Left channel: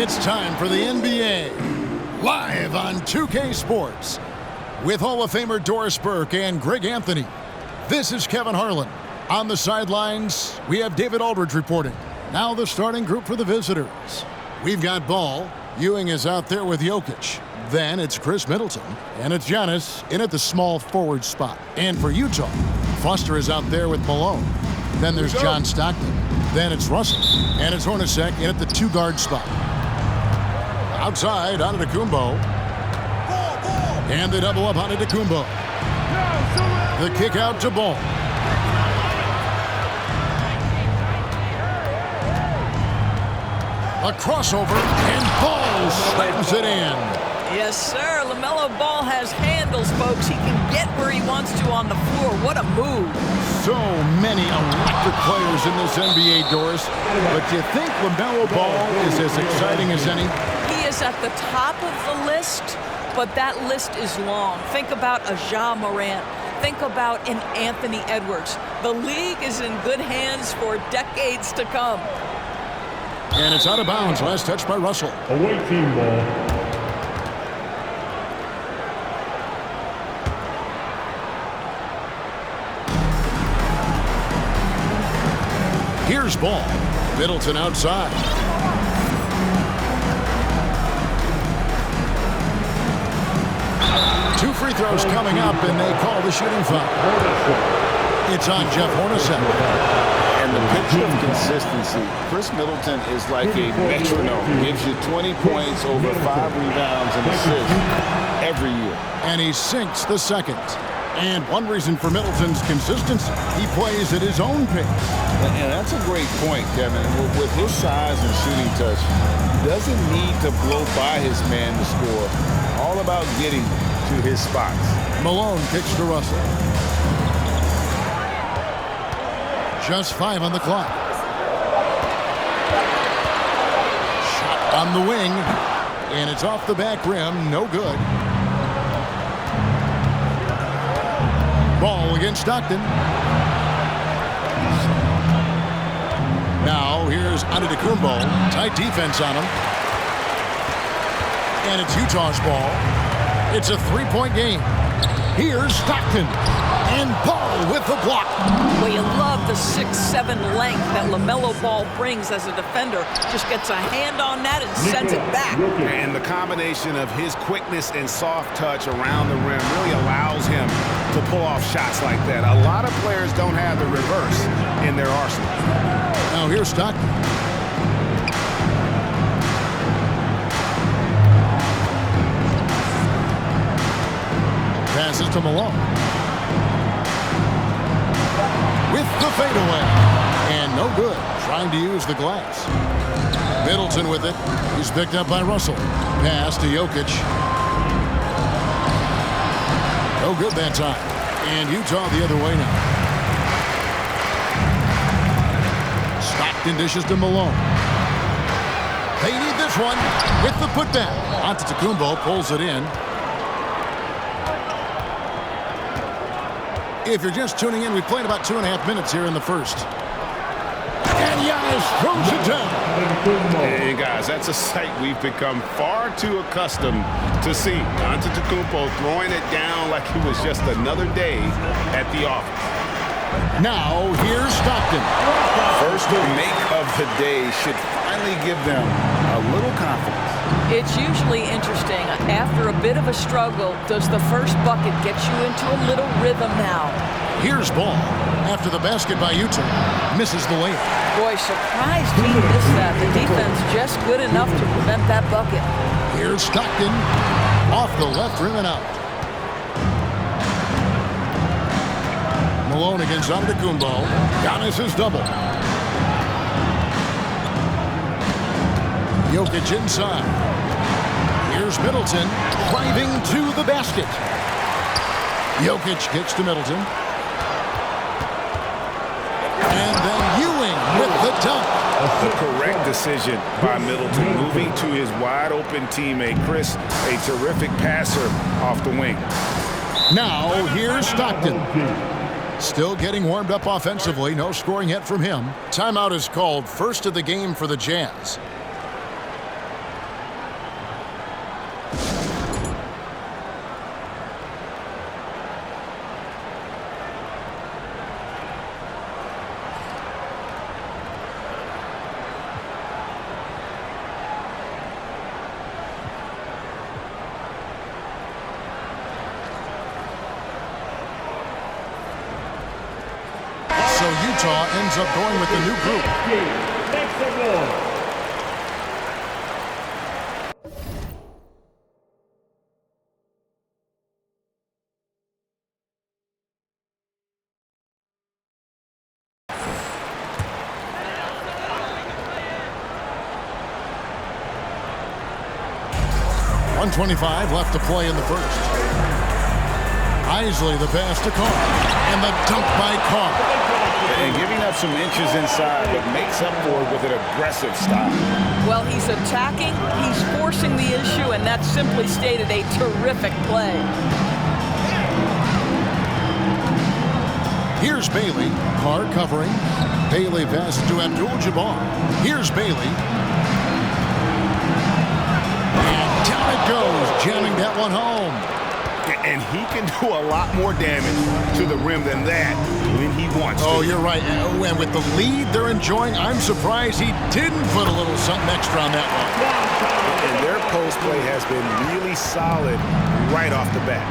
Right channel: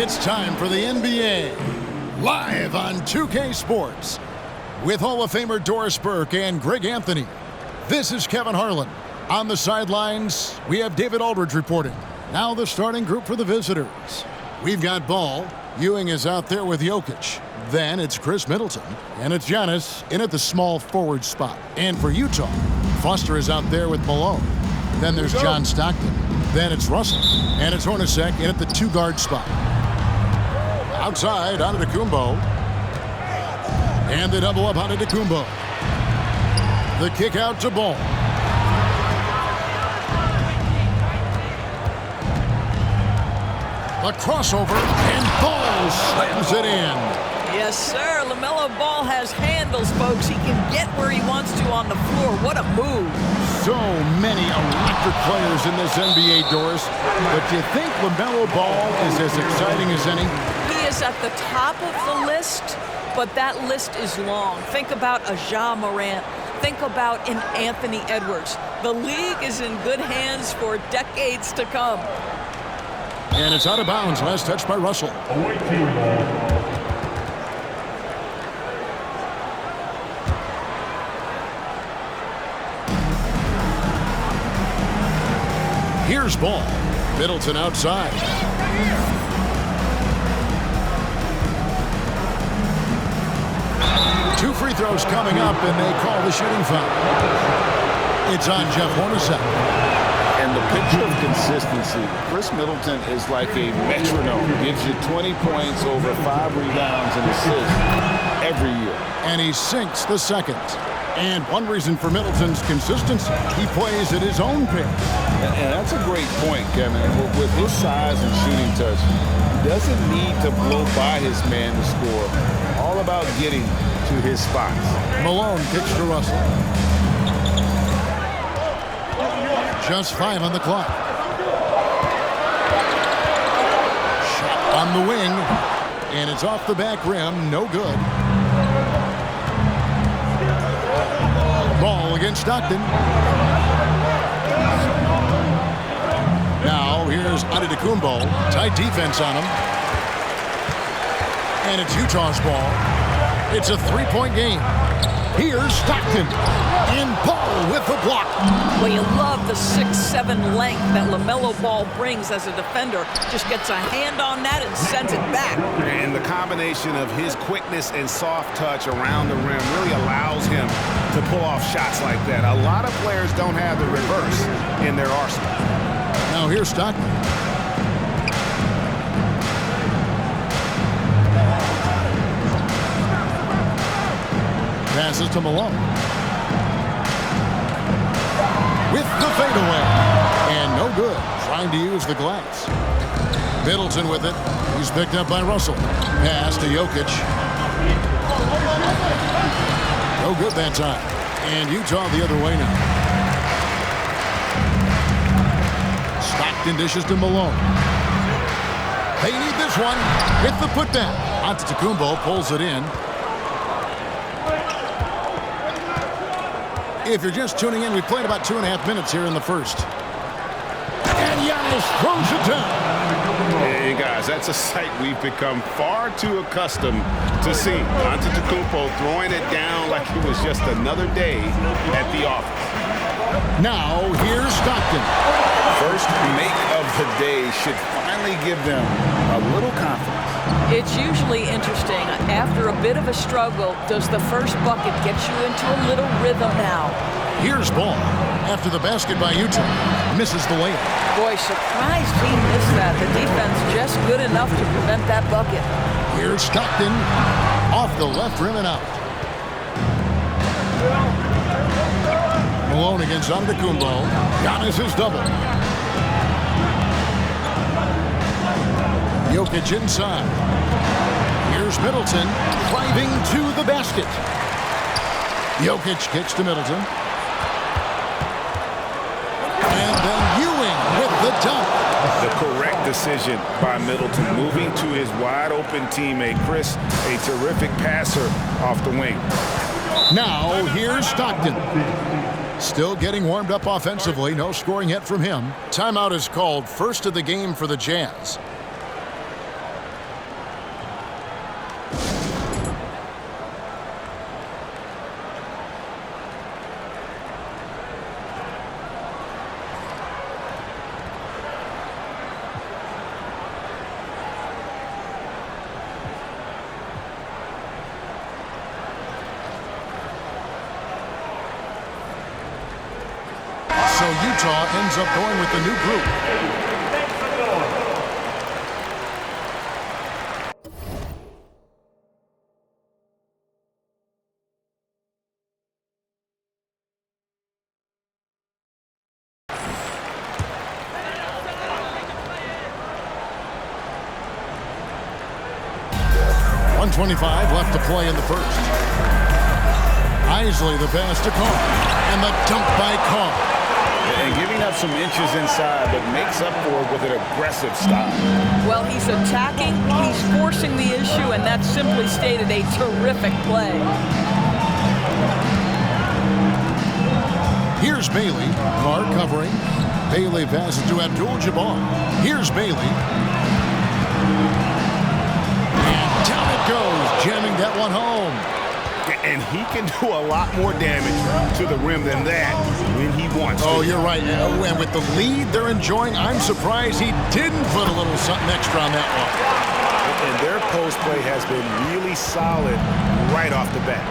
It's time for the NBA, live on 2K Sports. With Hall of Famer Doris Burke and Greg Anthony, this is Kevin Harlan. On the sidelines, we have David Aldridge reporting. Now the starting group for the visitors. We've got Ball. Ewing is out there with Jokic. Then it's Chris Middleton. And it's Giannis in at the small forward spot. And for Utah, Foster is out there with Malone. Then there's John Stockton. Then it's Russell. And it's Hornacek in at the two-guard spot. Outside, Antetokounmpo. And they double up Antetokounmpo. The kick out to Ball. A crossover, and Ball slams it in. Yes, sir. LaMelo Ball has handles, folks. He can get where he wants to on the floor. What a move. So many electric players in this NBA, Doris. But do you think LaMelo Ball is as exciting as any? He is at the top of the list, but that list is long. Think about a Ja Morant. Think about an Anthony Edwards. The league is in good hands for decades to come. And it's out of bounds. Last touch by Russell. Away team ball. Here's Ball. Middleton outside. Two free throws coming up, and they call the shooting foul. It's on Jeff Hornacek. And the picture of consistency, Chris Middleton is like a metronome. Gives you 20 points, over 5 rebounds and assists every year. And he sinks the second. And one reason for Middleton's consistency, he plays at his own pace. And that's a great point, Kevin. And with his size and shooting touch, he doesn't need to blow by his man to score. All about getting to his spots. Malone kicks to Russell. Just 5 on the clock. Shot on the wing. And it's off the back rim. No good. Ball against Stockton. Now here's Antetokounmpo. Tight defense on him. And it's Utah's ball. It's a three-point game. Here's Stockton. And Ball with the block. Well, you love the 6'7" length that LaMelo Ball brings as a defender. Just gets a hand on that and sends it back. And the combination of his quickness and soft touch around the rim really allows him to pull off shots like that. A lot of players don't have the reverse in their arsenal. Now here's Stockton. Passes to Malone. With the fadeaway. And no good. Trying to use the glass. Middleton with it. He's picked up by Russell. Pass to Jokic. No good that time. And Utah the other way now. Stockton dishes to Malone. They need this one with the putback. Antetokounmpo pulls it in. If you're just tuning in, we've played about 2.5 minutes here in the first. And Giannis throws it down. Hey, guys, that's a sight we've become far too accustomed to seeing. Antetokounmpo throwing it down like it was just another day at the office. Now, here's Stockton. First make of the day should finally give them a little confidence. It's usually interesting. After a bit of a struggle, does the first bucket get you into a little rhythm now? Here's Ball. After the basket by Utah. Misses the layup. Boy, surprised he missed that. The defense just good enough to prevent that bucket. Here's Stockton. Off the left rim and out. Malone against Antetokounmpo. Giannis is double. Jokic inside. Here's Middleton driving to the basket. Jokic kicks to Middleton. And then Ewing with the dunk. The correct decision by Middleton, moving to his wide-open teammate, Chris, a terrific passer off the wing. Now, here's Stockton. Still getting warmed up offensively. No scoring yet from him. Timeout is called. First of the game for the Jazz. So Utah ends up going with the new group. .125 left to play in the first. Isley the pass to Carr, and the dunk by Carr. And giving up some inches inside, but makes up for it with an aggressive style. Well, he's attacking, he's forcing the issue, and that's simply stated a terrific play. Here's Bailey. Carr covering. Bailey passes to Abdul-Jabbar. Here's Bailey. And down it goes, jamming that one home. And he can do a lot more damage to the rim than that when he wants to. Oh, you're right. And with the lead they're enjoying, I'm surprised he didn't put a little something extra on that one. And their post play has been really solid right off the bat.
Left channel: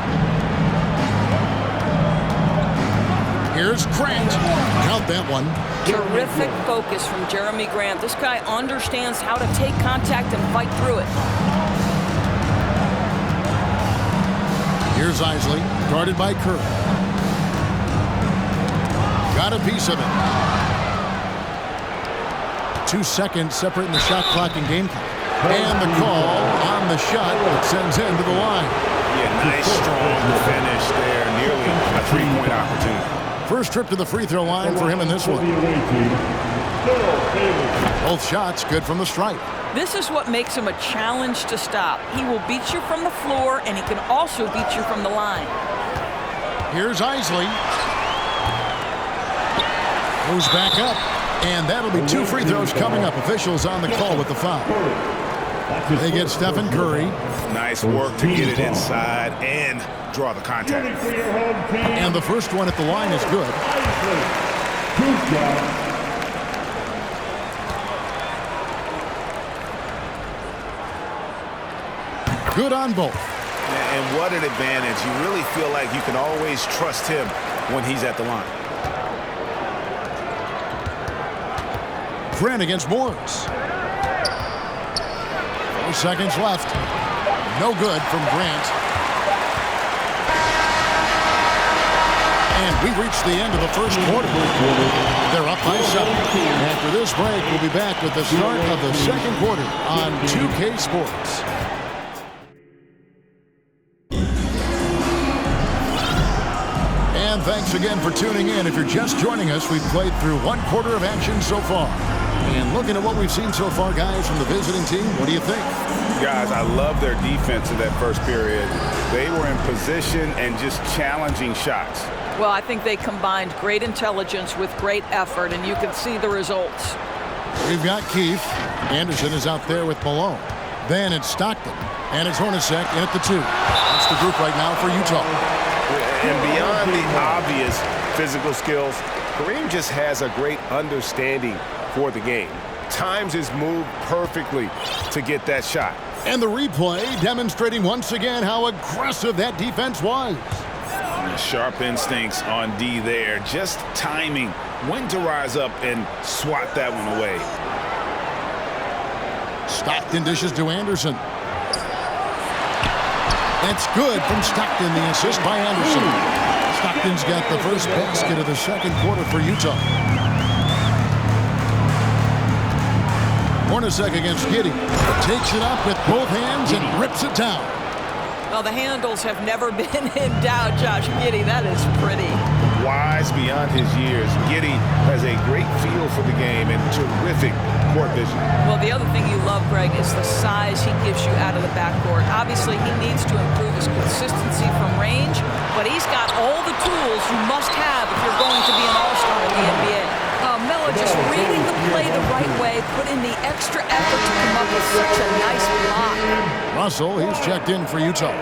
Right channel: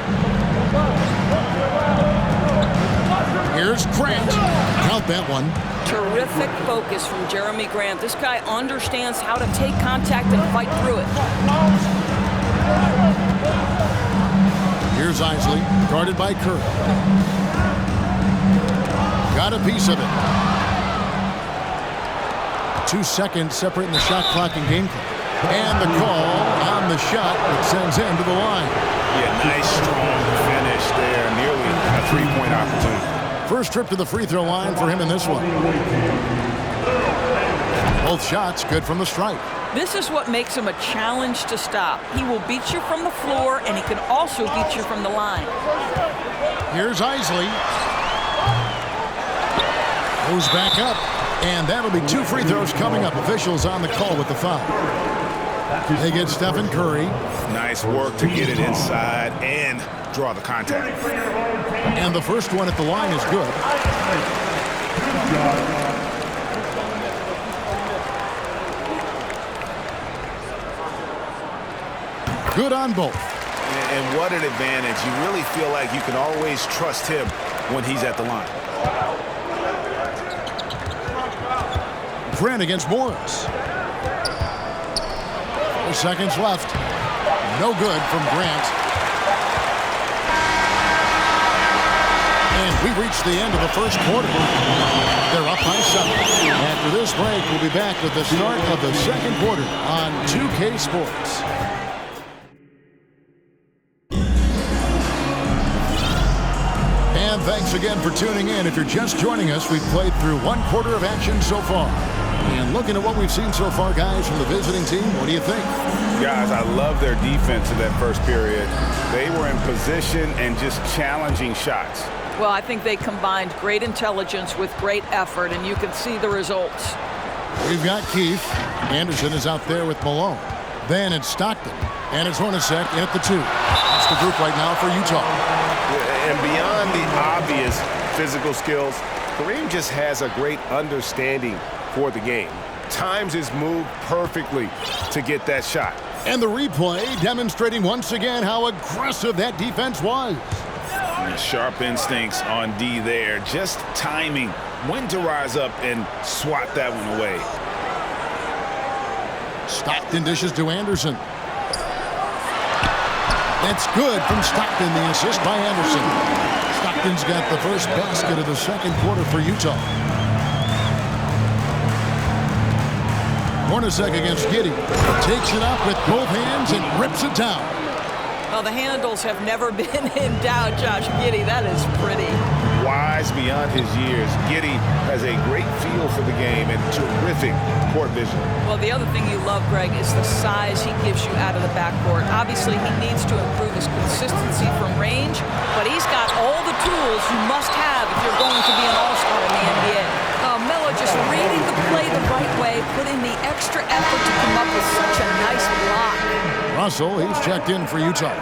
Here's Grant. Count that one. Terrific focus from Jeremy Grant. This guy understands how to take contact and fight through it. Here's Isley, guarded by Kerr. Got a piece of it. 2 seconds separating the shot clock and game clock. And the call on the shot that sends him to the line. Yeah, nice, strong finish there. Nearly a three-point opportunity. First trip to the free throw line for him in this one. Both shots good from the stripe. This is what makes him a challenge to stop. He will beat you from the floor, and he can also beat you from the line. Here's Isley. Goes back up, and that'll be 2 free throws coming up. Officials on the call with the foul. They get Stephen Curry. Nice work to get it inside and draw the contact. And the first one at the line is good. Good on both. And what an advantage. You really feel like you can always trust him when he's at the line. Grant against Morris. 4 seconds left. No good from Grant. And we reached the end of the first quarter. They're up by 7. After this break, we'll be back with the start of the second quarter on 2K Sports. And thanks again for tuning in. If you're just joining us, we've played through 1 quarter of action so far. And looking at what we've seen so far, guys, from the visiting team, what do you think? Guys, I love their defense in that first period. They were in position and just challenging shots. Well, I think they combined great intelligence with great effort, and you can see the results. We've got Keith. Anderson is out there with Malone. Then it's Stockton. And it's Hornacek in at the 2. That's the group right now for Utah. And beyond the obvious physical skills, Kareem just has a great understanding for the game. Times his move perfectly to get that shot. And the replay demonstrating once again how aggressive that defense was. Sharp instincts on D there. Just timing when to rise up and swat that one away. Stockton dishes to Anderson. That's good from Stockton, the assist by Anderson. Stockton's got the first basket of the second quarter for Utah. Hornacek against Giddey. Takes it up with both hands and rips it down. Well, the handles have never been in doubt, Josh Giddey. That is pretty. Wise beyond his years, Giddey has a great feel for the game and terrific court vision. Well, the other thing you love, Greg, is the size he gives you out of the backcourt. Obviously, he needs to improve his consistency from range, but he's got all the tools you must have if you're going to be an all-star in the NBA. Melo just reading the play the right way, put in the extra effort to come up with such a nice block. Russell, he's checked in for Utah.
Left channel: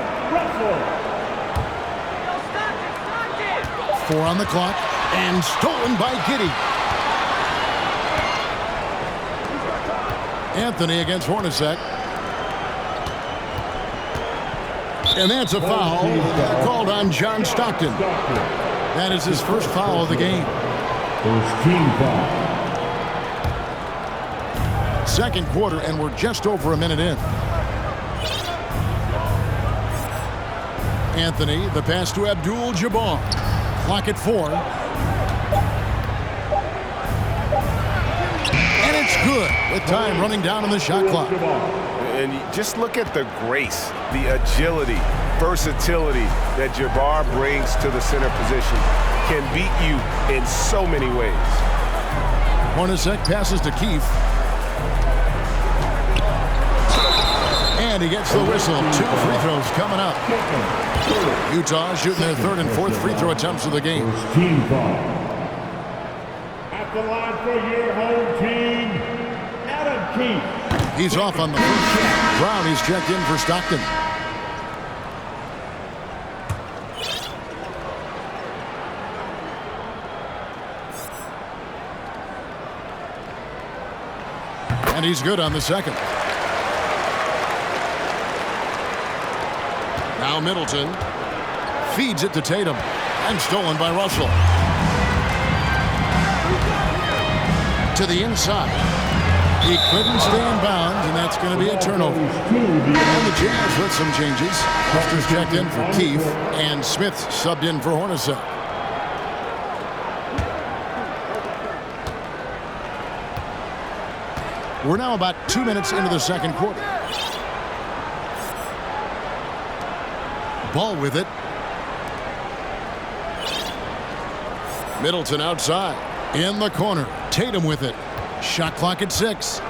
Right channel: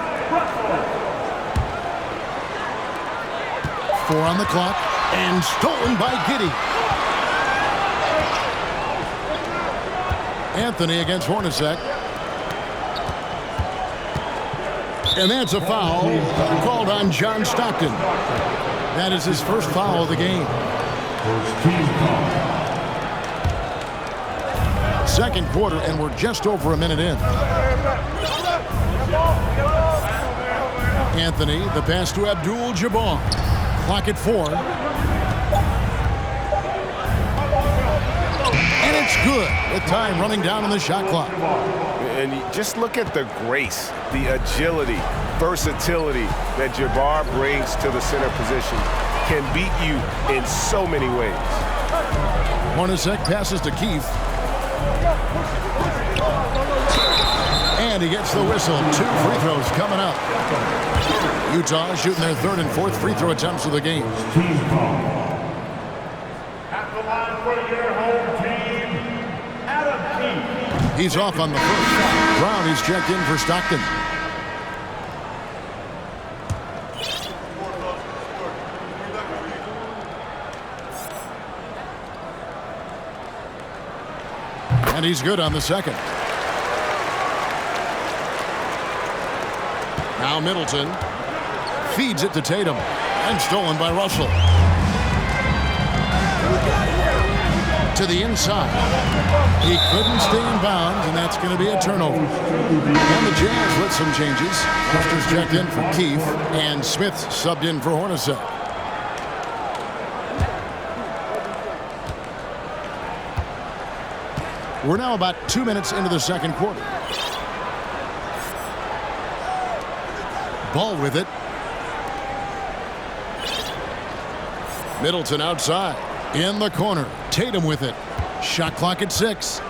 4 on the clock, and stolen by Giddey. Anthony against Hornacek. And that's a foul called on John Stockton. That is his first foul of the game. First team foul. Second quarter, and we're just over a minute in. Anthony, the pass to Abdul-Jabbar. Clock at 4. And it's good with time running down on the shot clock. And just look at the grace, the agility, versatility that Jabbar brings to the center position. Can beat you in so many ways. Hornacek passes to Keefe. And he gets the whistle. 2 free throws coming up. Utah shooting their third and fourth free throw attempts of the game. First team foul. At the line for your home team, Adam Keefe. He's off on the first. Brown, he's checked in for Stockton. And he's good on the second. Now Middleton feeds it to Tatum and stolen by Russell. To the inside. He couldn't stay in bounds, and that's going to be a turnover. And the Jazz with some changes. Foster's checked in for Keefe, and Smith subbed in for Hornacek. We're now about 2 minutes into the second quarter. Ball with it. Middleton outside. In the corner. Tatum with it. Shot clock at 6.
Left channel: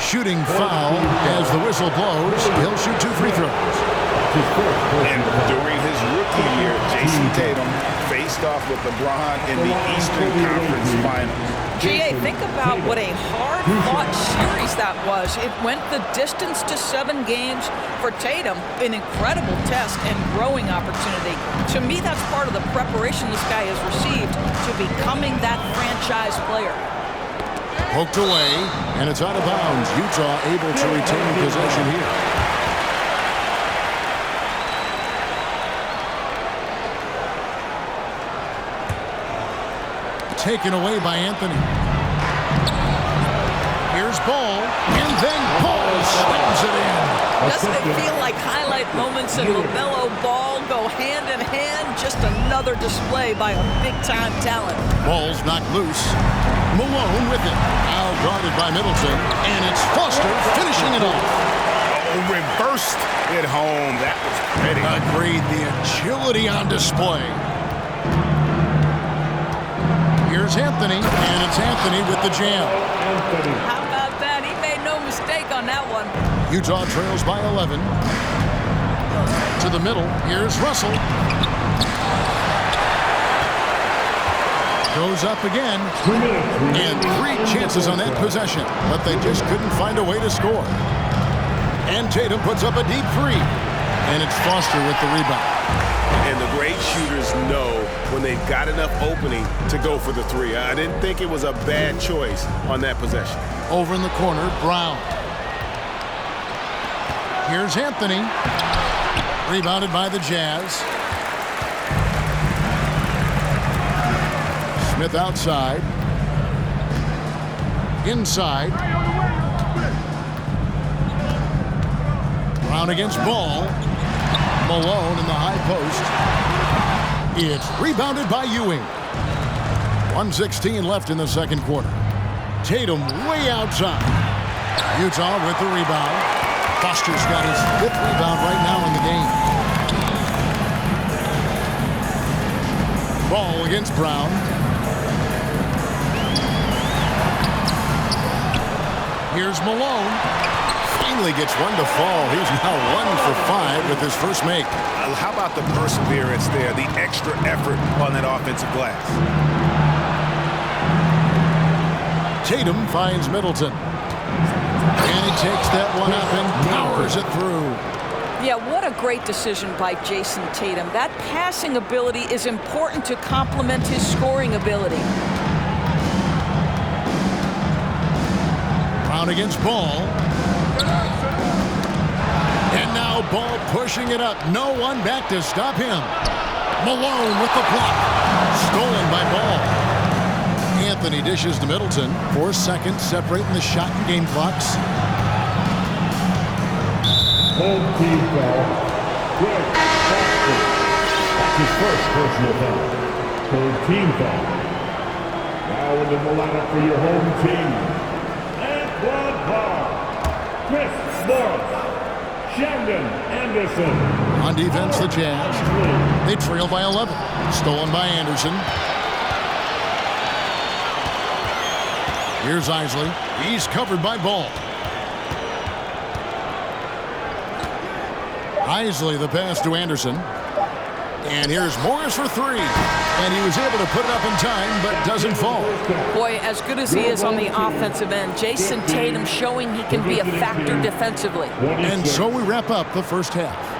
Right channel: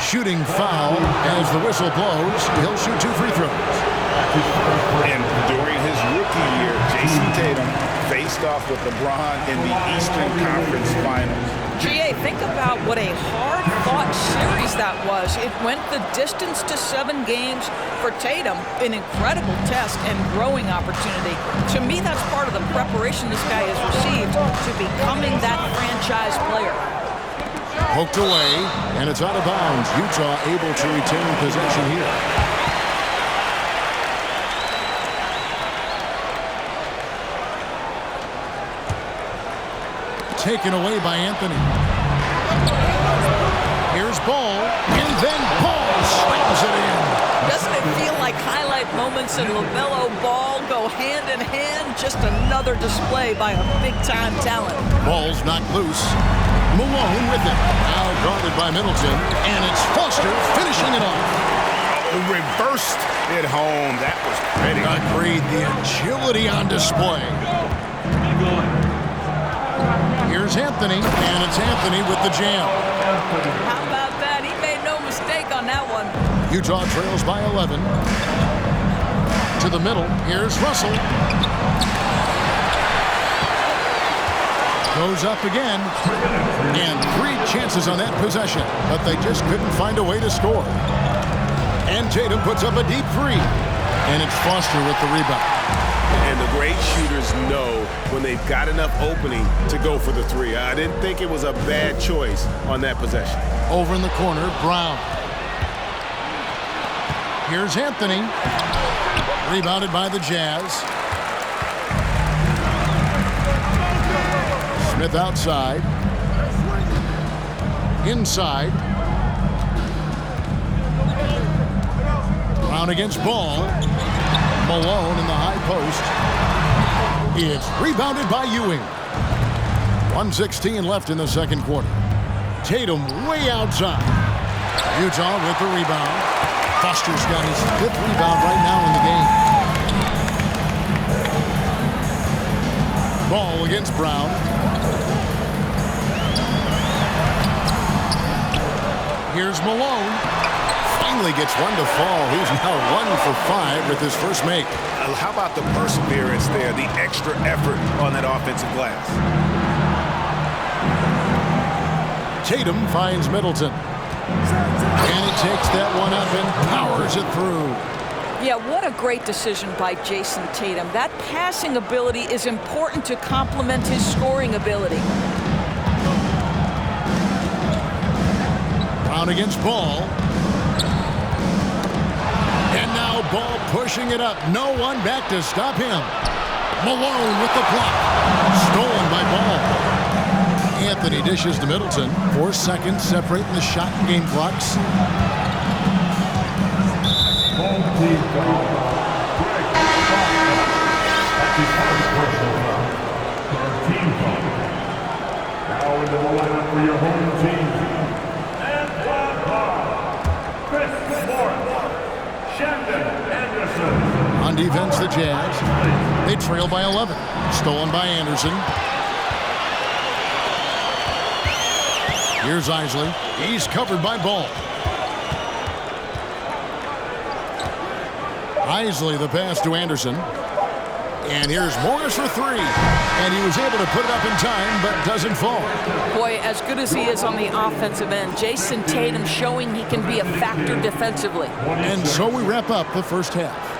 Shooting foul as the whistle blows. He'll shoot 2 free throws. And during his rookie year, Jason Tatum faced off with LeBron in the Eastern Conference Finals. GA, think about what a hard-fought series that was. It went the distance to 7 games for Tatum, an incredible test and growing opportunity. To me, that's part of the preparation this guy has received to becoming that franchise player. Poked away, and it's out of bounds. Utah able to retain possession here. Taken away by Anthony. Here's Ball, and then Ball slams it in. Doesn't it feel like highlight moments in LaMelo Ball go hand in hand? Just another display by a big-time talent. Ball's knocked loose. Malone with it. Now guarded by Middleton, and it's Foster finishing it off. Oh, reversed it home. That was pretty. Agreed. The agility on display. Here's Anthony, and it's Anthony with the jam. How about that? He made no mistake on that one. Utah trails by 11. To the middle. Here's Russell. Goes up again. And 3 chances on that possession, but they just couldn't find a way to score. And Tatum puts up a deep 3. And it's Foster with the rebound. And the great shooters know when they've got enough opening to go for the 3. I didn't think it was a bad choice on that possession. Over in the corner, Brown. Here's Anthony. Rebounded by the Jazz. Smith outside. Inside. Brown against Ball. Malone in the high post. It's rebounded by Ewing. 1:16 left in the second quarter. Tatum way outside. Utah with the rebound. Foster's got his 5th rebound right now in the game. Ball against Brown. Here's Malone. Finally gets one to fall. He's now 1 for 5 with his first make. How about the perseverance there, the extra effort on that offensive glass? Tatum finds Middleton. And he takes that one up and powers it through. Yeah, what a great decision by Jason Tatum. That passing ability is important to complement his scoring ability. Brown against Ball. And now Ball pushing it up. No one back to stop him. Malone with the block. Stolen by Ball. Anthony dishes to Middleton. 4 seconds separating the shot and game clocks. Home team foul. Greg Foster. That's his first personal foul. Third team foul. Now into the lineup for your home team. Antoine Carr. Chris Morris. Shandon Anderson. On defense, the Jazz. They trail by 11. Stolen by Anderson. Here's Isley. He's covered by Ball. Isley, the pass to Anderson. And here's Morris for three. And he was able to put it up in time, but doesn't fall. Boy, as good as he is on the offensive end, Jason Tatum showing he can be a factor defensively. And so we wrap up the first half.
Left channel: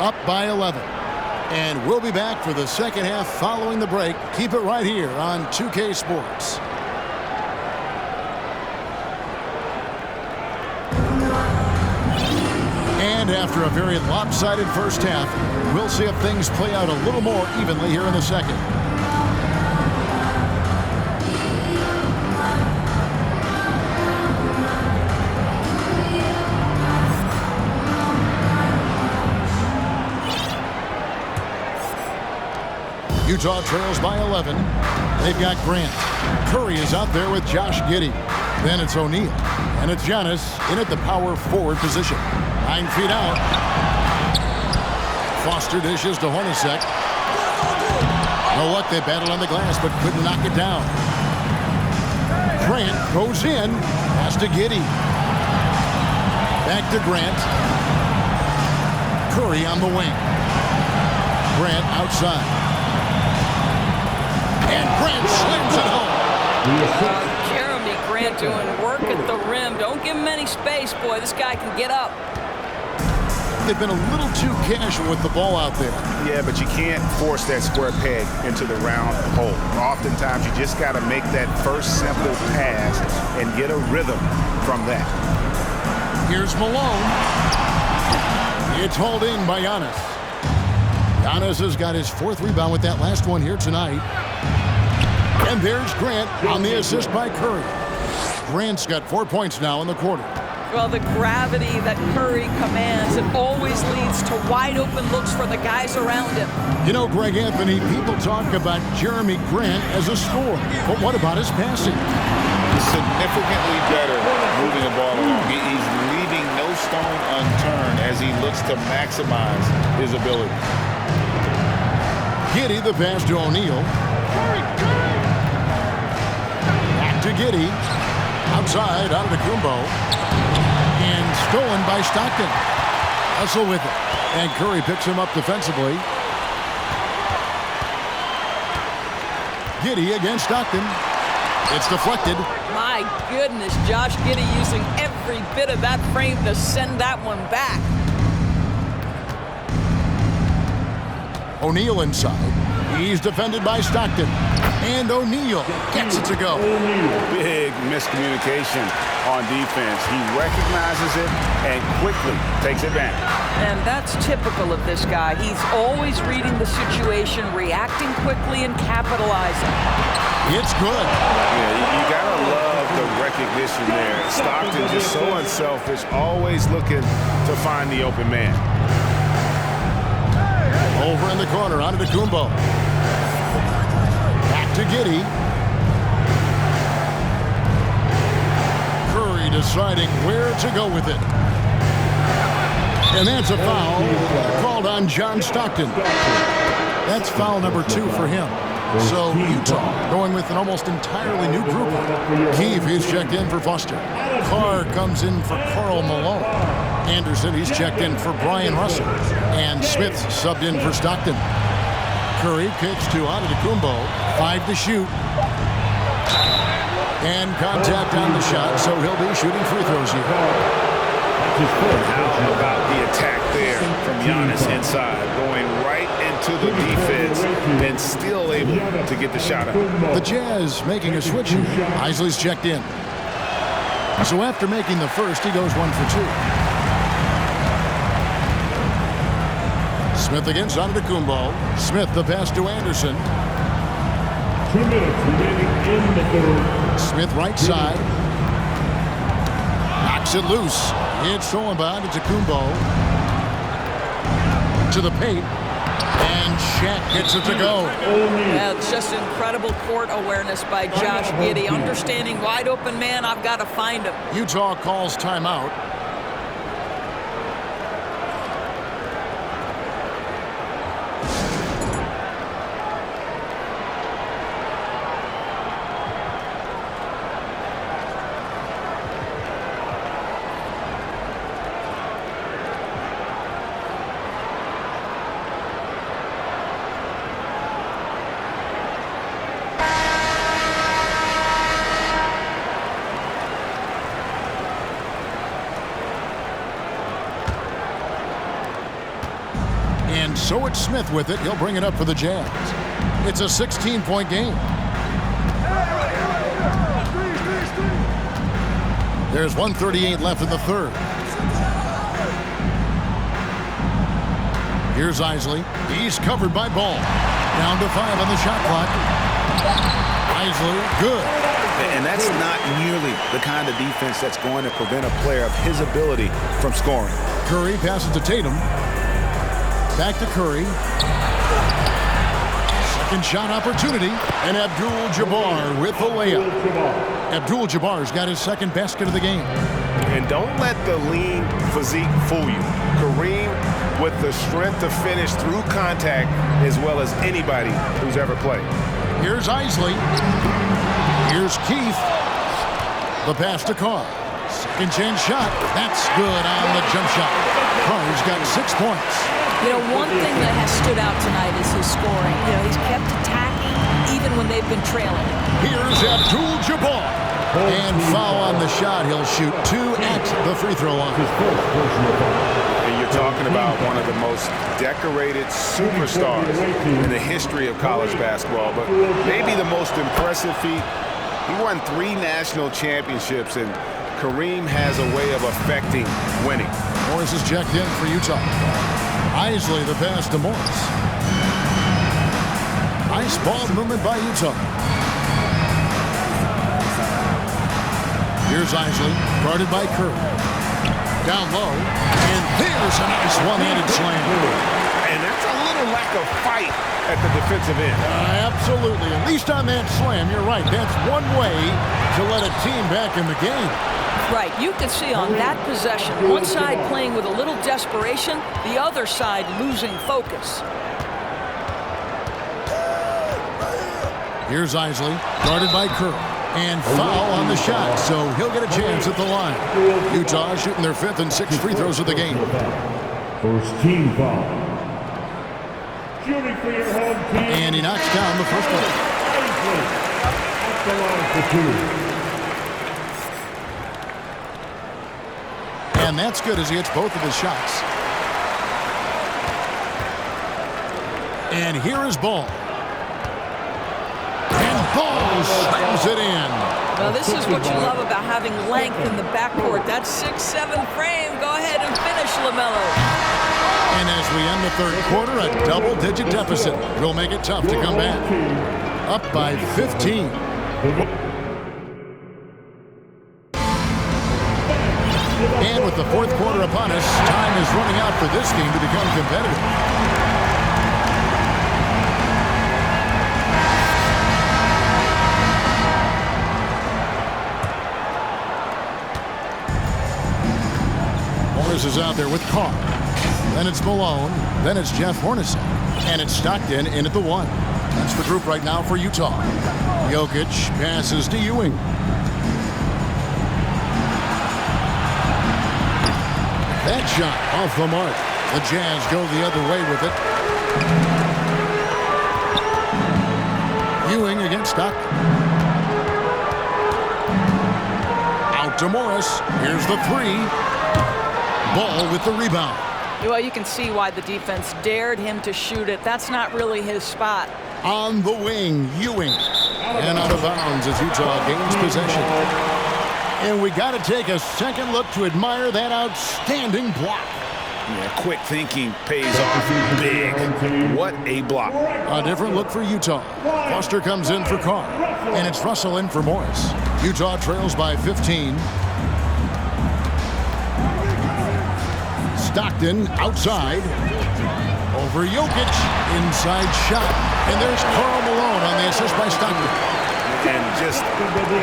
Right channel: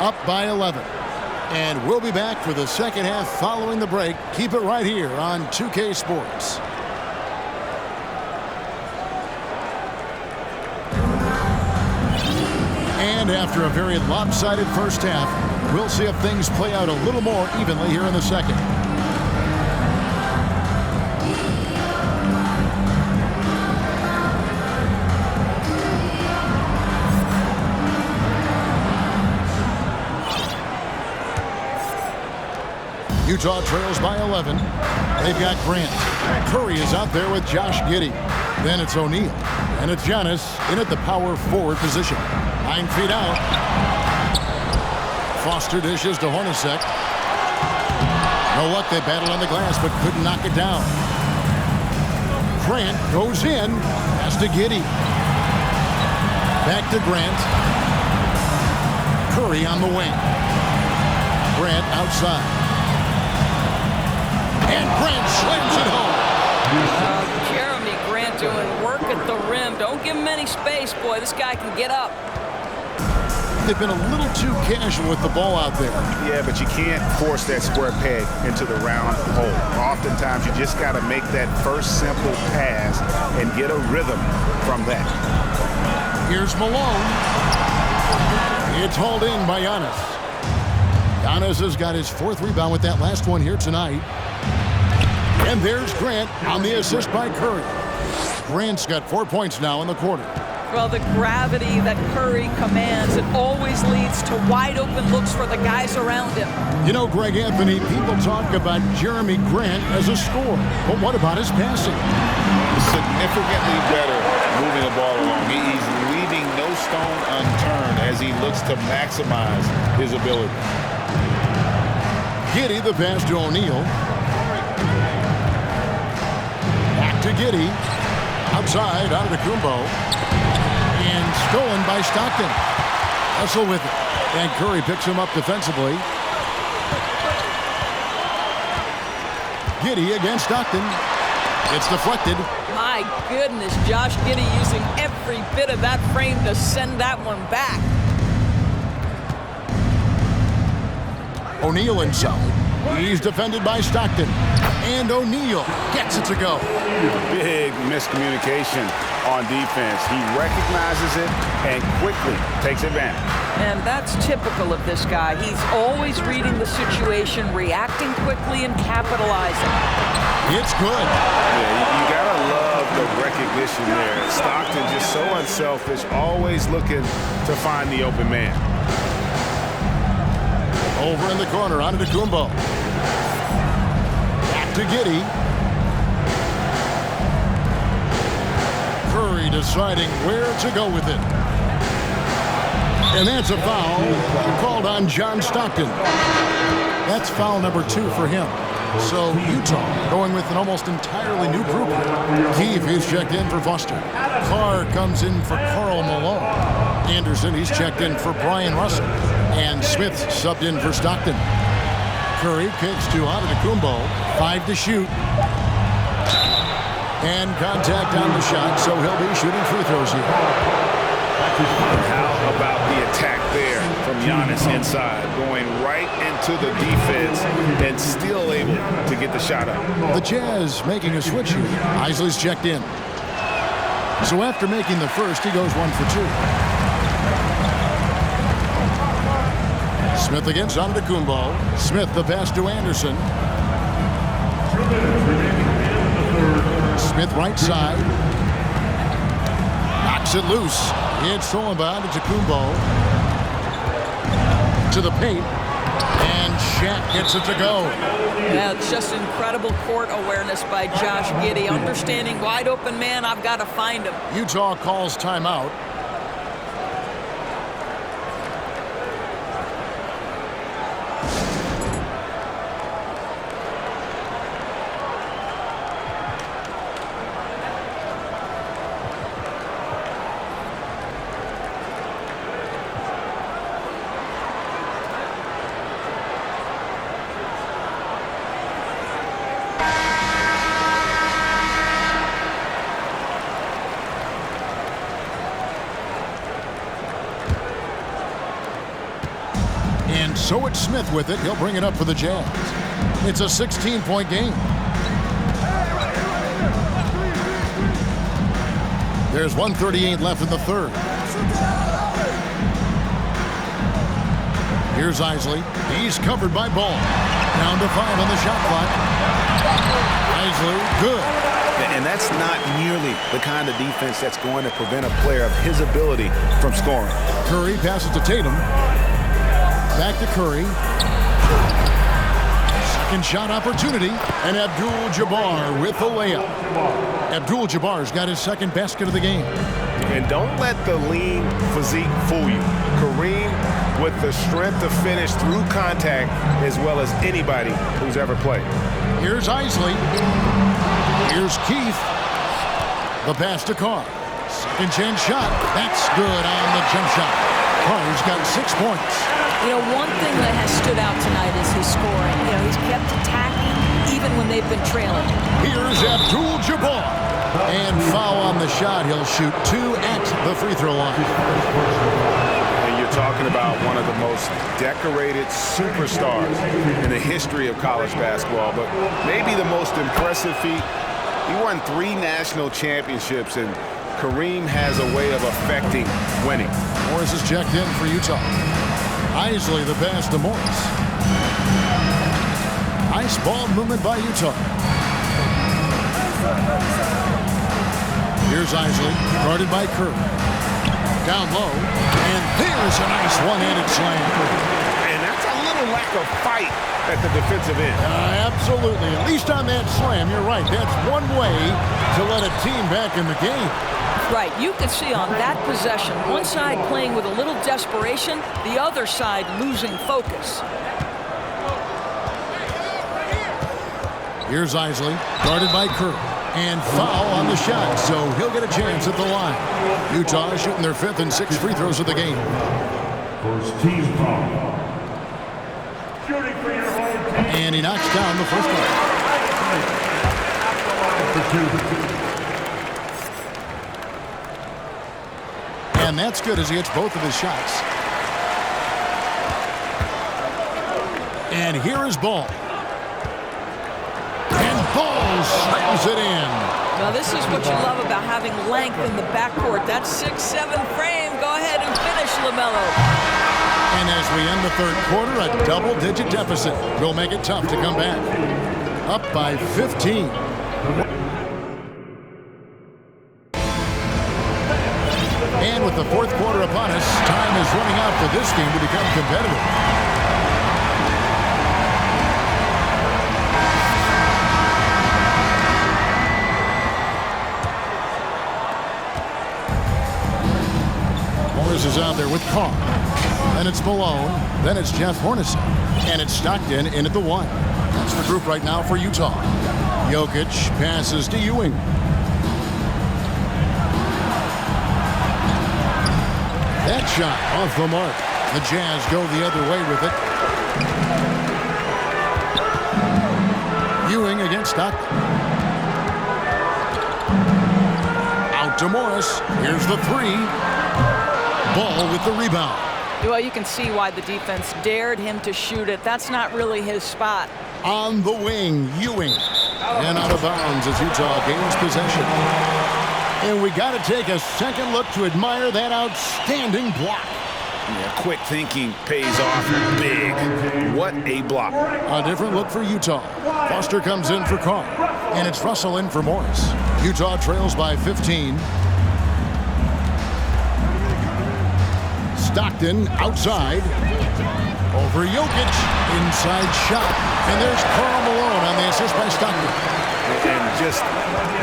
Up by 11. And we'll be back for the second half following the break. Keep it right here on 2K Sports. And after a very lopsided first half, we'll see if things play out a little more evenly here in the second. Utah trails by 11. They've got Grant. Curry is out there with Josh Giddey. Then it's O'Neal. And it's Giannis in at the power forward position. 9 feet out. Foster dishes to Hornacek. No luck, they battled on the glass but couldn't knock it down. Grant goes in. Pass to Giddey. Back to Grant. Curry on the wing. Grant outside. And Grant slams it home. Jeremy Grant doing work at the rim. Don't give him any space, boy. This guy can get up. They've been a little too casual with the ball out there. Yeah, but you can't force that square peg into the round hole. Oftentimes, you just got to make that first simple pass and get a rhythm from that. Here's Malone. It's hauled in by Giannis. Giannis has got his 4th rebound with that last one here tonight. And there's Grant on the assist by Curry. Grant's got 4 points now in the quarter. Well, the gravity that Curry commands, it always leads to wide open looks for the guys around him. You know, Greg Anthony, people talk about Jeremy Grant as a scorer, but what about his passing? Significantly better moving the ball along. He's leaving no stone unturned as he looks to maximize his ability. Giddey, the pass to O'Neal. Back to Giddey. Outside, Antetokounmpo. And stolen by Stockton. Hustle with it. And Curry picks him up defensively. Giddey against Stockton. It's deflected. My goodness, Josh Giddey using every bit of that frame to send that one back. O'Neal inside. He's defended by Stockton. And O'Neal gets it to go. Big miscommunication on defense. He recognizes it and quickly takes advantage. And that's typical of this guy. He's always reading the situation, reacting quickly, and capitalizing. It's good. Yeah, you gotta love the recognition there. Stockton just so unselfish, always looking to find the open man. Over in the corner, Antetokounmpo. Back to Giddey. Curry deciding where to go with it. And that's a foul called on John Stockton. That's foul number 2 for him. So Utah going with an almost entirely new group. Keefe, he's checked in for Foster. Carr comes in for Karl Malone. Anderson, he's checked in for Brian Russell. And Smith subbed in for Stockton. Curry kicks to Antetokounmpo. 5 to shoot. And contact on the shot, so he'll be shooting free throws here. And how about the attack there from Giannis inside, going right into the defense and still able to get the shot up. The Jazz making a switch here. Isley's checked in. So after making the first, he goes 1 for 2. Smith against Antetokounmpo. Smith the pass to Anderson. 2 minutes remaining in the third. Smith right side. Knocks it loose. It's stolen by Kumbo. To the paint. And Shaq gets it to go. Yeah, it's just incredible court awareness by Josh Giddey. Understanding wide open man, I've got to find him. Utah calls timeout. And so it's Smith with it. He'll bring it up for the Jazz. It's a 16-point game. There's 1:38 left in the third. Here's Isley. He's covered by Ball. Down to 5 on the shot clock. Isley, good. And that's not nearly the kind of defense that's going to prevent a player of his ability from scoring. Curry passes to Tatum. Back to Curry. Second shot opportunity. And Abdul-Jabbar with the layup. Abdul-Jabbar's got his second basket of the game. And don't let the lean physique fool you. Kareem with the strength to finish through contact as well as anybody who's ever played. Here's Isley. Here's Keith. The pass to Carr. Second chance shot. That's good on the jump shot. Carr's got 6 points. You know, one thing that has stood out tonight is his scoring. You know, he's kept attacking even when they've been trailing. Here's Abdul-Jabbar. And foul on the shot. He'll shoot 2 at the free throw line. And you're talking about one of the most decorated superstars in the history of college basketball, but maybe the most impressive feat. He won 3 national championships, and Kareem has a way of affecting winning. Morris is checked in for Utah. Isley the pass to Morris. Nice ball movement by Utah. Here's Isley, guarded by Curry. Down low, and there's a nice one-handed slam. And that's a little lack of fight at the defensive end. Absolutely. At least on that slam, you're right. That's one way to let a team back in the game. Right, you can see on that possession, one side playing with a little desperation, the other side losing focus. Here's Isley, guarded by Curry. And foul on the shot, so he'll get a chance at the line. Utah shooting their 5th and 6th free throws of the game. First team foul. Shooting for your home team. And he knocks down the first one. Isley at the line for 2. And that's good as he hits both of his shots. And here is Ball. And Ball slams it in. Well, this is what you love about having length in the backcourt. That 6'7" frame. Go ahead and finish, LaMelo. And as we end the third quarter, a double-digit deficit will make it tough to come back. Up by 15. And with the fourth quarter upon us, time is running out for this game to become competitive. Morris is out there with Carr. Then it's Malone. Then it's Jeff Hornacek. And it's Stockton in at the 1. That's the group right now for Utah. Jokic passes to Ewing. That shot off the mark. The Jazz go the other way with it. Ewing against Stockton. Out to Morris. Here's the 3. Ball with the rebound. Well, you can see why the defense dared him to shoot it. That's not really his spot. On the wing, Ewing. And out of bounds as Utah gains possession. And we got to take a second look to admire that outstanding block. Yeah, quick thinking pays off big. What a block. A different look for Utah. Foster comes in for Carr, and it's Russell in for Morris. Utah trails by 15. Stockton outside. Over Jokic. Inside shot. And there's Karl Malone on the assist by Stockton. And just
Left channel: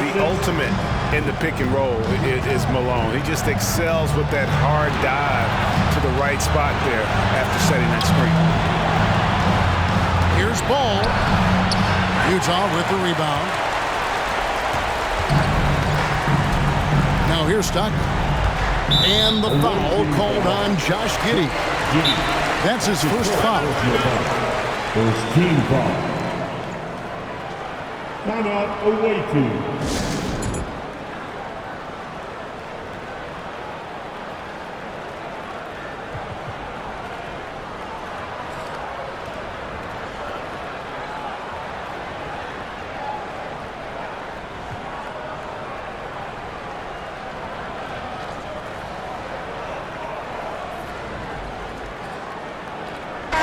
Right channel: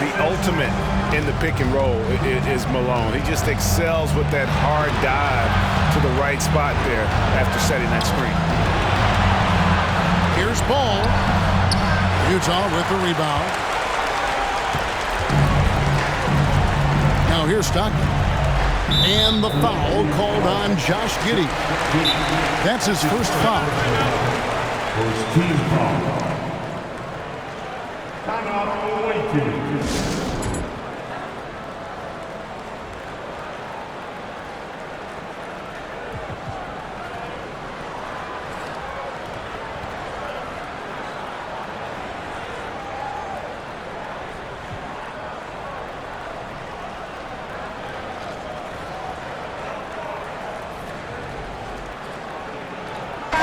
the ultimate in the pick and roll is Malone. He just excels with that hard dive to the right spot there after setting that screen. Here's Ball. Utah with the rebound. Now here's Stockton. And the foul called on Josh Giddey. That's his first foul. First team foul. Timeout away team.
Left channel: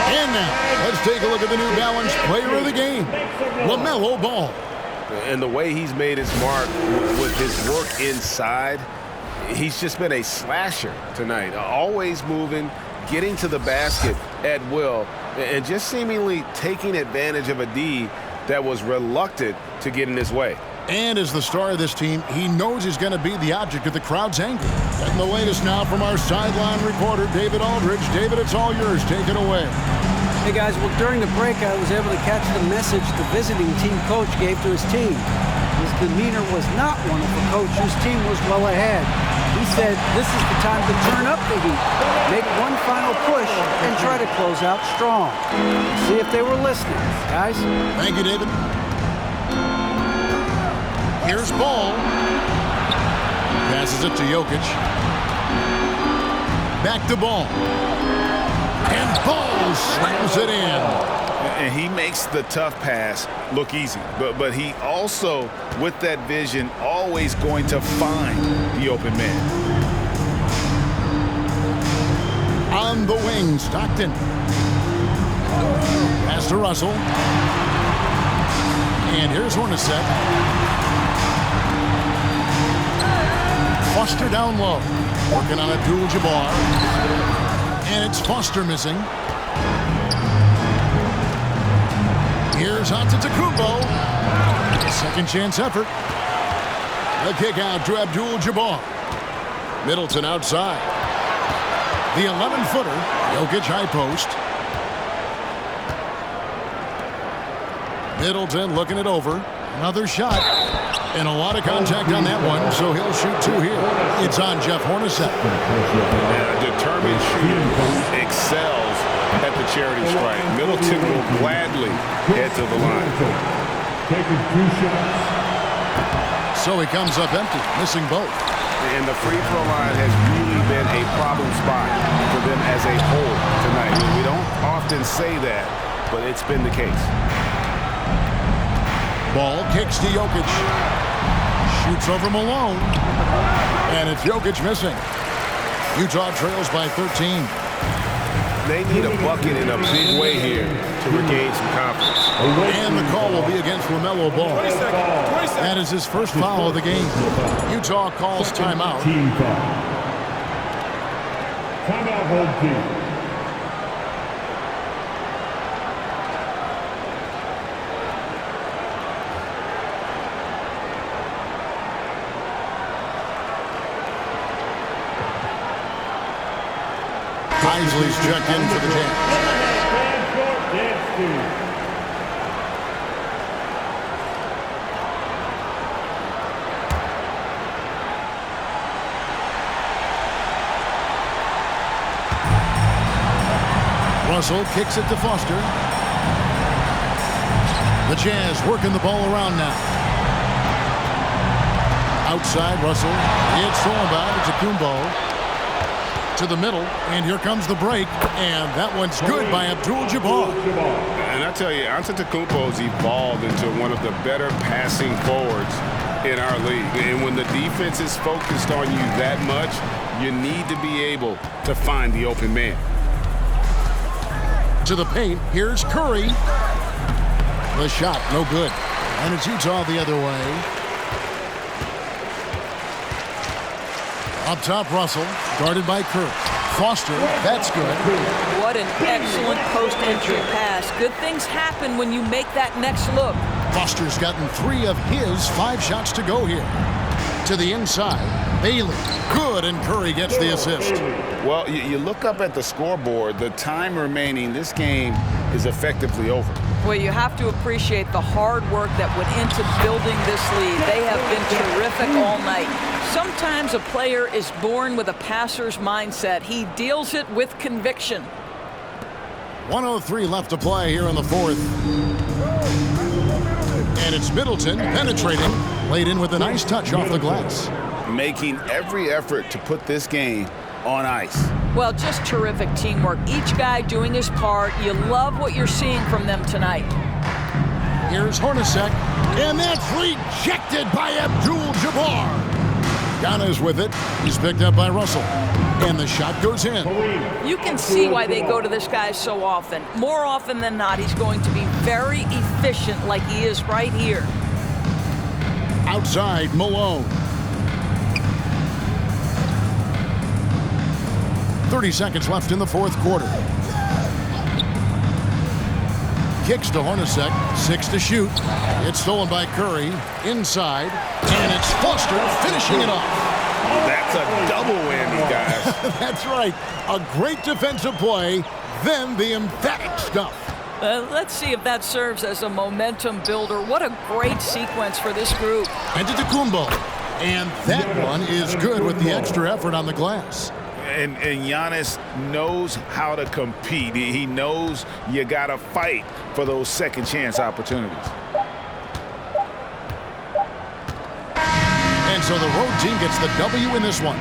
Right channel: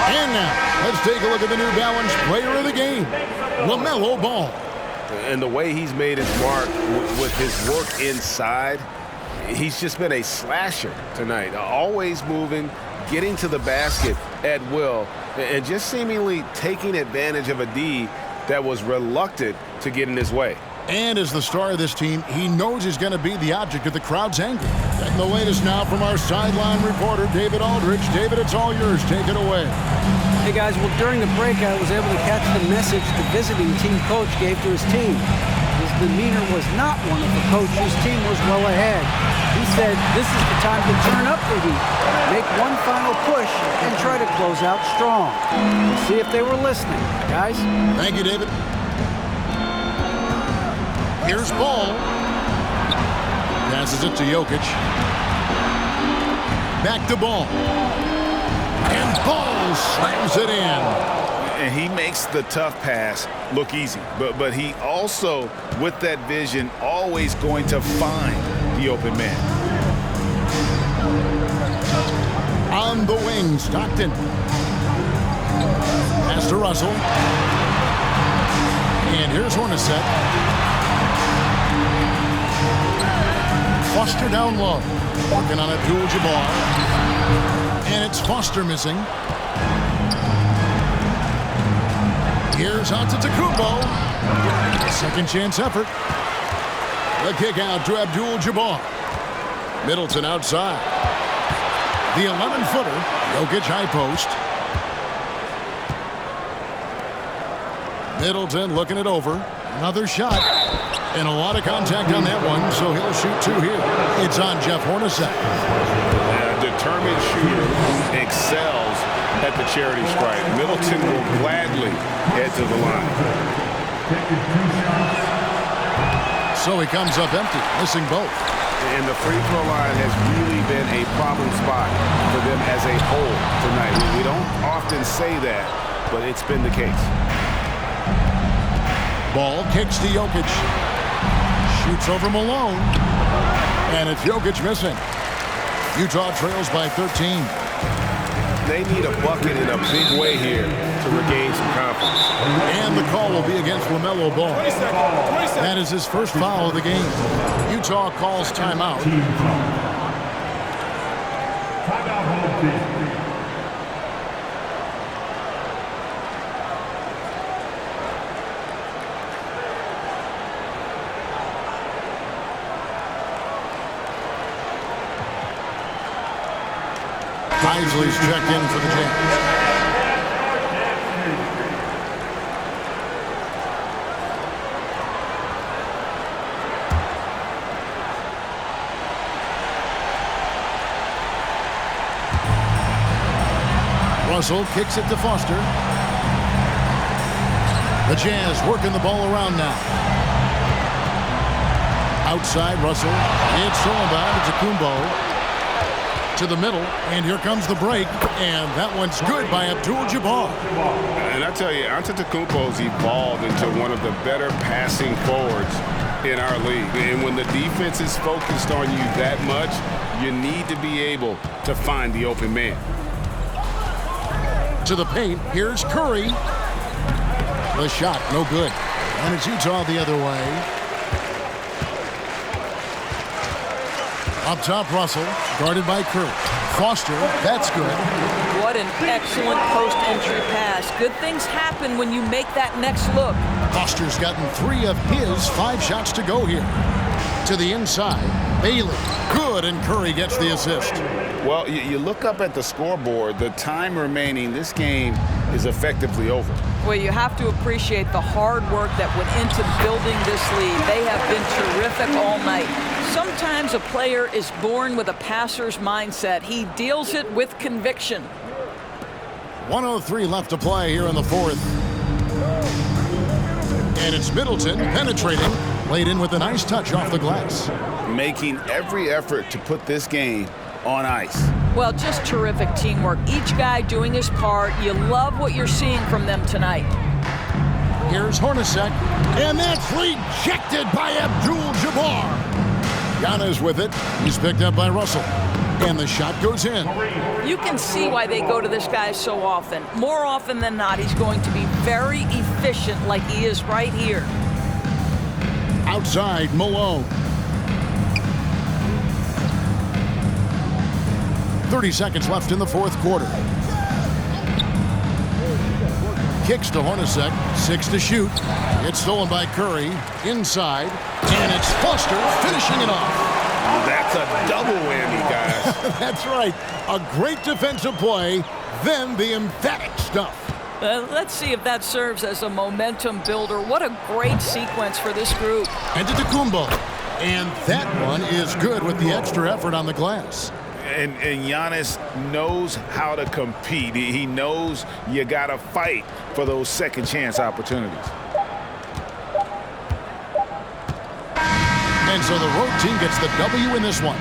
And now, let's take a look at the New Balance player of the game, LaMelo Ball. And the way he's made his mark with his work inside, he's just been a slasher tonight. Always moving, getting to the basket at will, and just seemingly taking advantage of a D that was reluctant to get in his way. And as the star of this team, he knows he's going to be the object of the crowd's anger. Getting the latest now from our sideline reporter, David Aldridge. David, it's all yours. Take it away. Hey, guys. Well, during the break, I was able to catch the message the visiting team coach gave to his team. His demeanor was not one of a coach whose team was well ahead. He said this is the time to turn up the heat, make one final push, and try to close out strong. We'll see if they were listening, guys. Thank you, David. Here's Ball. Passes it to Jokic. Back to Ball. And Ball slams it in. And he makes the tough pass look easy. But he also, with that vision, always going to find the open man. On the wing, Stockton. Pass to Russell. And here's Hornacek. Foster down low, working on Abdul-Jabbar, and it's Foster missing. Here's Antetokounmpo, a second chance effort. The kick out to Abdul-Jabbar. Middleton outside. The 11-footer, Jokic high post. Middleton looking it over. Another shot. And a lot of contact on that one, so he'll shoot two here. It's on Jeff Hornacek. A determined shooter who excels at the charity stripe. Middleton will gladly head to the line. Taking 2 shots. So he comes up empty, missing both. And the free throw line has really been a problem spot for them as a whole tonight. We don't often say that, but it's been the case. Ball kicks to Jokic. Shoots over Malone. And it's Jokic missing. Utah trails by 13. They need a bucket in a big way here to regain some confidence. And the call will be against LaMelo Ball. 20 seconds. That is his first foul of the game. Utah calls timeout. Team foul. Timeout home team. Isley's checked in for the Jazz. Russell kicks it to Foster. The Jazz working the ball around now. Outside, Russell. It's thrown by to Kumbo. To the middle, and here comes the break, and that one's good by Abdul-Jabbar. And I tell you, Antetokounmpo's evolved into one of the better passing forwards in our league. And when the defense is focused on you that much, You need to be able to find the open man. To the paint, here's Curry. The shot, no good. And it's Utah the other way. Up top, Russell, guarded by Curry. Foster, that's good. What an excellent post-entry pass. Good things happen when you make that next look. Foster's gotten 3 of his 5 shots to go here. To the inside, Bailey, good, and Curry gets the assist. Well, you look up at the scoreboard, the time remaining, this game is effectively over. Well, you have to appreciate the hard work that went into building this lead. They have been terrific all night. Sometimes a player is born with a passer's mindset. He deals it with conviction. 1:03 left to play here in the fourth. And it's Middleton penetrating, laid in with a nice touch off the glass. Making every effort to put this game on ice. Well, just terrific teamwork. Each guy doing his part. You love what you're seeing from them tonight. Here's Hornacek, and that's rejected by Abdul-Jabbar. Giannis with it. He's picked up by Russell. And the shot goes in. You can see why they go to this guy so often. More often than not, he's going to be very efficient like he is right here. Outside, Malone. 30 seconds left in the fourth quarter. Kicks to Hornacek, 6 to shoot. It's stolen by Curry, inside, and it's Foster finishing it off. That's a double whammy, guys. That's right. A great defensive play, then the emphatic stuff. Let's see if that serves as a momentum builder. What a great sequence for this group. And to Antetokounmpo. And that one is good with the extra effort on the glass. And Giannis knows how to compete. He knows you got to fight for those second chance opportunities. And so the road team gets the W in this one.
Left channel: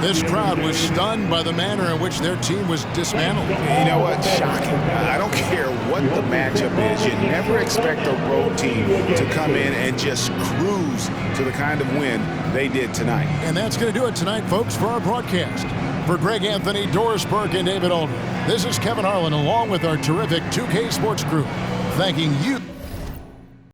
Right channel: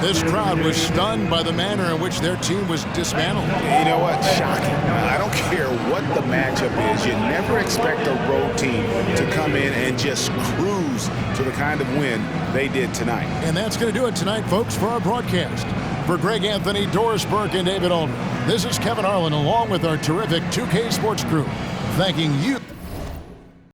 This crowd was stunned by the manner in which their team was dismantled. You know what? Shocking. I don't care what the matchup is. You never expect a road team to come in and just cruise to the kind of win they did tonight. And that's going to do it tonight, folks, for our broadcast. For Greg Anthony, Doris Burke, and David Aldridge, this is Kevin Harlan along with our terrific 2K Sports crew, thanking you.